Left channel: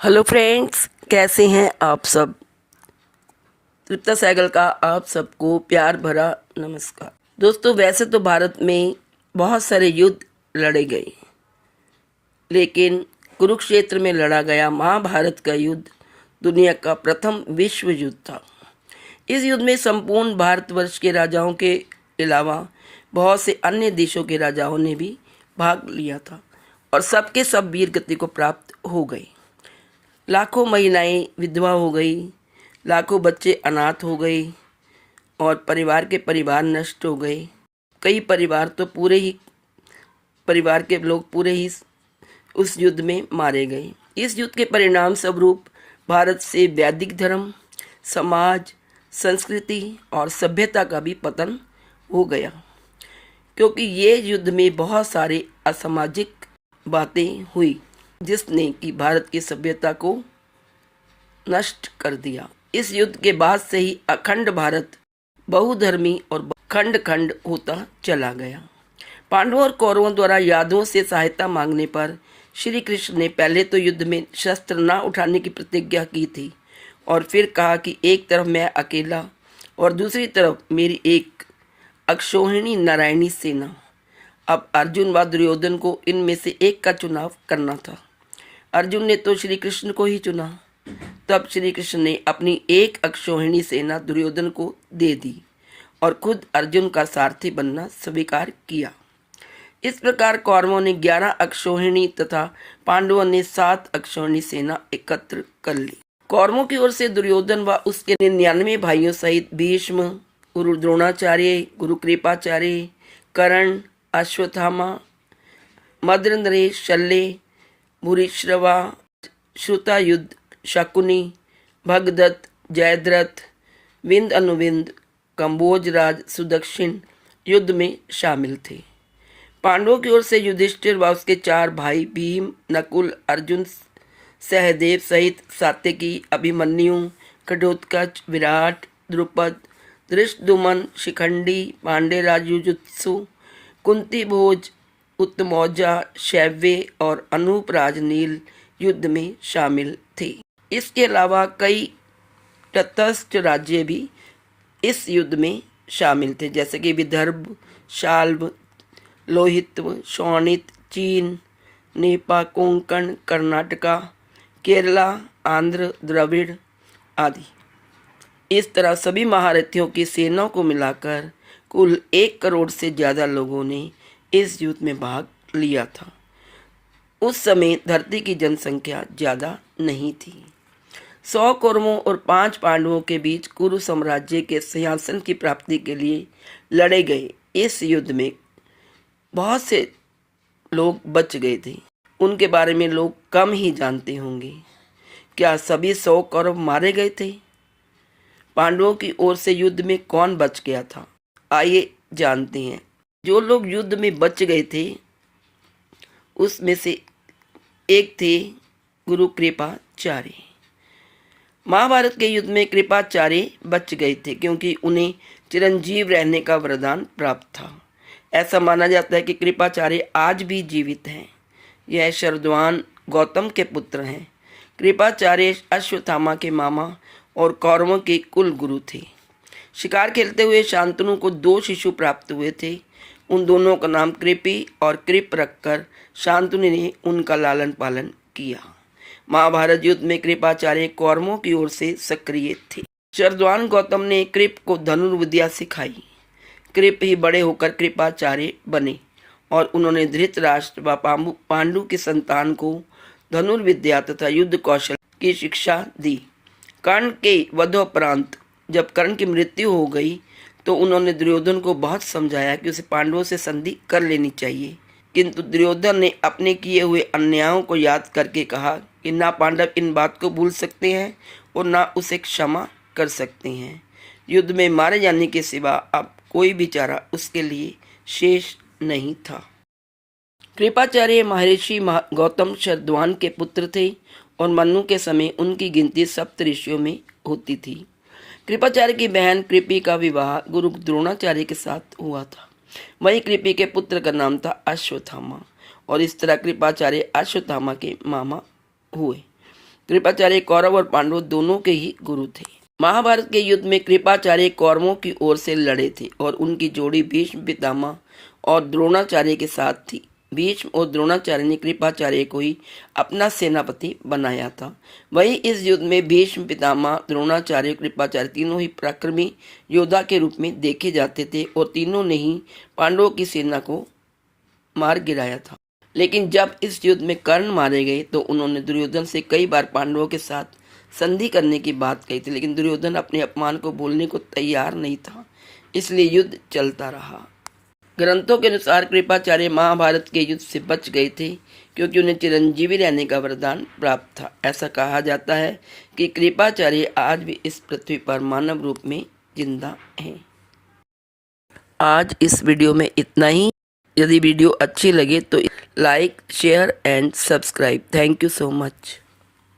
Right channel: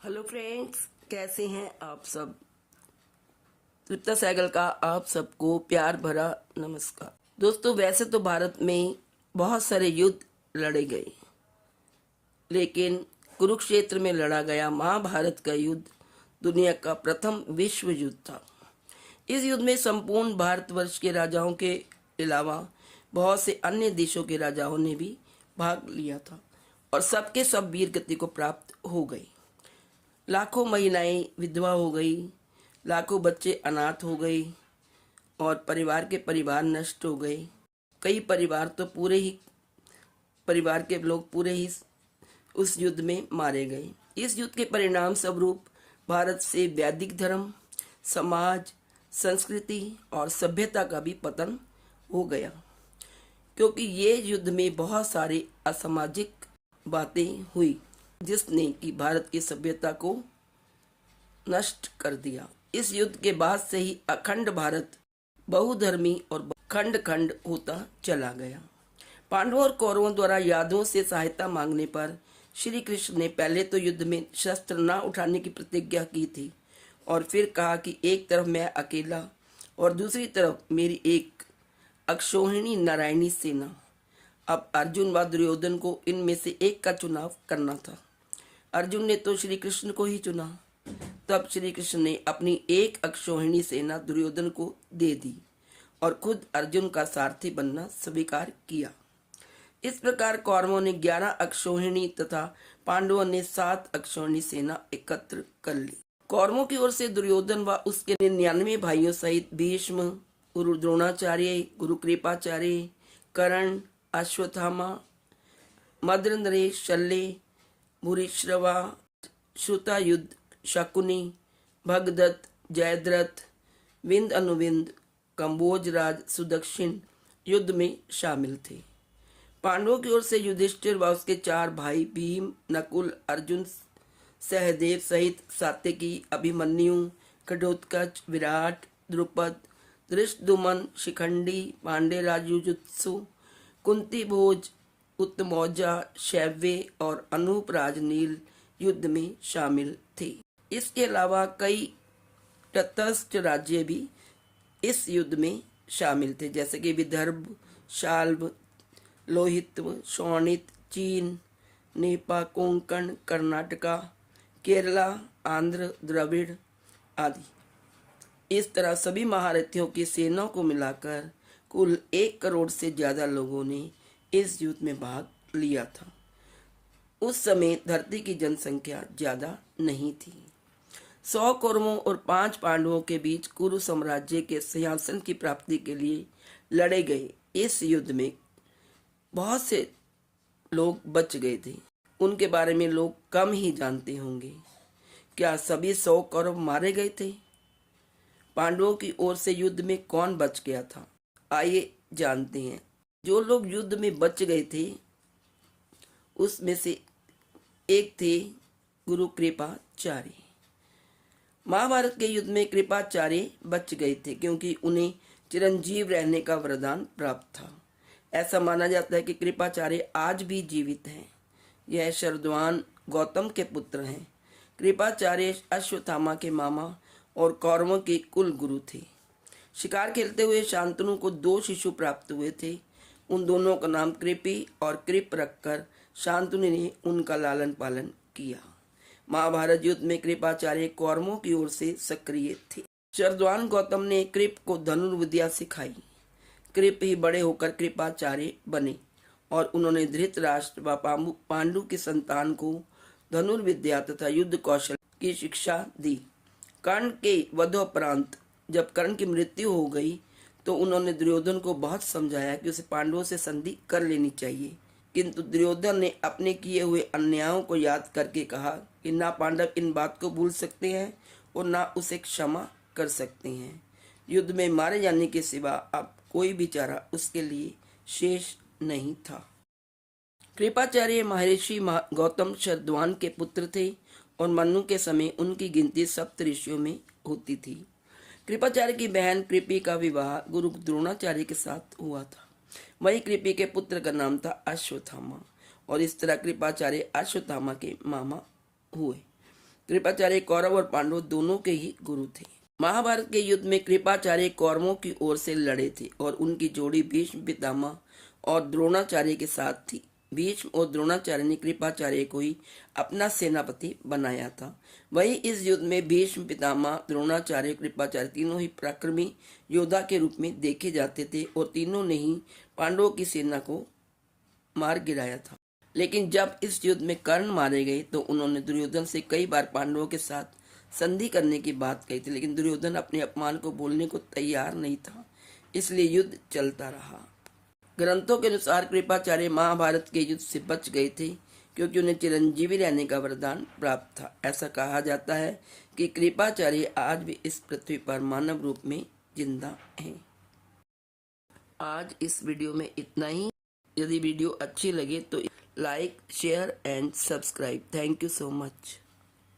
Hello friends, कैसे हैं आप सब। तृप्ता सहगल का आप सबको प्यार भरा नमस्कार। दोस्तों, वैसे तो भारत में बहुत सारे युद्ध लड़े गए, लेकिन कुरुक्षेत्र में लड़ा गया महाभारत का युद्ध दुनिया का प्रथम विश्व युद्ध था। इस युद्ध में संपूर्ण भारतवर्ष के राजाओं के अलावा बहुत से अन्य देशों के राजाओं ने भी भाग लिया था और सबके सब वीर गति को प्राप्त हो गए। लाखों महिलाएं विधवा हो गई, लाखों बच्चे अनाथ हो गए और परिवार के परिवार नष्ट हो गए। कई परिवार तो परिवार के लोग पूरे ही उस युद्ध में मारे गए। इस युद्ध के परिणाम स्वरूप भारत से वैदिक धर्म, समाज, संस्कृति और सभ्यता का भी पतन हो गया, क्योंकि ये युद्ध में बहुत सारे असामाजिक बातें हुई जिसने कि भारत की सभ्यता को नष्ट कर दिया। इस युद्ध के बाद से ही अखंड भारत बहुधर्मी और खंड खंड होता चला गया। पांडवों और कौरवों द्वारा यादवों से सहायता मांगने पर श्री कृष्ण ने पहले तो युद्ध में शस्त्र न उठाने की प्रतिज्ञा की थी और फिर कहा कि एक तरफ मैं अकेला और दूसरी तरफ मेरी एक अक्षौहिणी नारायणी सेना। अब अर्जुन व दुर्योधन को इनमें से एक का चुनाव करना था। अर्जुन ने तो श्री कृष्ण को ही चुना। तब श्री कृष्ण ने अपनी एक अक्षौहिणी सेना दुर्योधन को दे दी और खुद अर्जुन का सारथी बनना स्वीकार किया। इस प्रकार कौरवों ने 11 अक्षौहिणी तथा पांडवों ने 7 अक्षौहिणी सेना एकत्र कर ली। कौरवों की ओर से दुर्योधन व उसके 99 भाइयों सहित भीष्म, गुरु द्रोणाचार्य, गुरु कृपाचार्य, कर्ण, अश्वत्थामा, मद्रंद्रेय, शल्य, भूरिश्रवा, श्रुतायुध, शकुनी, भगदत्त, जयद्रथ, विंद अनुविंद, कंबोजराज, सुदक्षिण युद्ध में शामिल थे। पांडवों की ओर से युधिष्ठिर व उसके 4 भाई भीम, नकुल, अर्जुन, सहदेव सहित सात्यकी, अभिमन्यु, घटोत्कच, विराट, द्रुपद, धृष्टद्युम्न, शिखंडी, पांडेराज युजुत्सु, कुंती भोज, उत्तमौजा, शैव्य और अनूप राजनील युद्ध में शामिल थे। इसके अलावा कई तटस्थ राज्य भी इस युद्ध में शामिल थे, जैसे कि विदर्भ, शाल्व, लोहित्व, शोणित, चीन, नेपा, कोंकण, कर्नाटका, केरला, आंध्र, द्रविड़ आदि। इस तरह सभी महारथियों की सेनाओं को मिलाकर कुल 1 करोड़ से ज़्यादा लोगों ने इस युद्ध में भाग लिया था। उस समय धरती की जनसंख्या ज़्यादा नहीं थी। 100 कौरवों और 5 पांडवों के बीच कुरु साम्राज्य के सिंहासन की प्राप्ति के लिए लड़े गए इस युद्ध में बहुत से लोग बच गए थे। उनके बारे में लोग कम ही जानते होंगे। क्या सभी 100 कौरव मारे गए थे? पांडवों की ओर से युद्ध में कौन बच गया था? आइए जानते हैं। जो लोग युद्ध में बच गए थे उसमें से एक थे गुरु कृपाचार्य। महाभारत के युद्ध में कृपाचार्य बच गए थे क्योंकि उन्हें चिरंजीव रहने का वरदान प्राप्त था। ऐसा माना जाता है कि कृपाचार्य आज भी जीवित हैं। यह शरद्वान गौतम के पुत्र हैं। कृपाचार्य अश्वत्थामा के मामा और कौरवों के कुल गुरु थे। शिकार खेलते हुए शांतनु को 2 शिशु प्राप्त हुए थे। उन दोनों का नाम कृपि और कृप रखकर शांतनु ने उनका लालन पालन किया। महाभारत युद्ध में कृपाचार्य कौरवों की ओर से सक्रिय थे। शरद्वान गौतम ने कृप को धनुर्विद्या सिखाई। कृप ही बड़े होकर कृपाचार्य बने और उन्होंने धृतराष्ट्र व पांडु की संतान को धनुर्विद्या तथा युद्ध कौशल की शिक्षा दी। कर्ण के वधोपरांत जब कर्ण की मृत्यु हो गई तो उन्होंने दुर्योधन को बहुत समझाया कि उसे पांडवों से संधि कर लेनी चाहिए, किंतु दुर्योधन ने अपने किए हुए अन्यायों को याद करके कहा कि ना पांडव इन बात को भूल सकते हैं और ना उसे क्षमा कर सकते हैं। युद्ध में मारे जाने के सिवा अब कोई भी चारा उसके लिए शेष नहीं था। कृपाचार्य महर्षि गौतम शरद्वान के पुत्र थे और मनु के समय उनकी गिनती सप्त ऋषियों में होती थी। कृपाचार्य की बहन कृपि का विवाह गुरु द्रोणाचार्य के साथ हुआ था। वहीं कृपि के पुत्र का नाम था अश्वत्थामा और इस तरह कृपाचार्य अश्वत्थामा के मामा हुए। कृपाचार्य कौरव और पांडव दोनों के ही गुरु थे। महाभारत के युद्ध में कृपाचार्य कौरवों की ओर से लड़े थे और उनकी जोड़ी भीष्म पितामह और द्रोणाचार्य के साथ थी। भीष्म और द्रोणाचार्य ने कृपाचार्य को ही अपना सेनापति बनाया था। वही इस युद्ध में भीष्म पितामह, द्रोणाचार्य, कृपाचार्य तीनों ही पराक्रमी योद्धा के रूप में देखे जाते थे और तीनों ने ही पांडवों की सेना को मार गिराया था। लेकिन जब इस युद्ध में कर्ण मारे गए तो उन्होंने दुर्योधन से कई बार पांडवों के साथ संधि करने की बात कही थी, लेकिन दुर्योधन अपने अपमान को बोलने को तैयार नहीं था, इसलिए युद्ध चलता रहा। ग्रंथों के अनुसार कृपाचार्य महाभारत के युद्ध से बच गए थे क्योंकि उन्हें चिरंजीवी रहने का वरदान प्राप्त था। ऐसा कहा जाता है कि कृपाचार्य आज भी इस पृथ्वी पर मानव रूप में जिंदा हैं। आज इस वीडियो में इतना ही। यदि वीडियो अच्छी लगे तो like, share and subscribe. Thank you so much.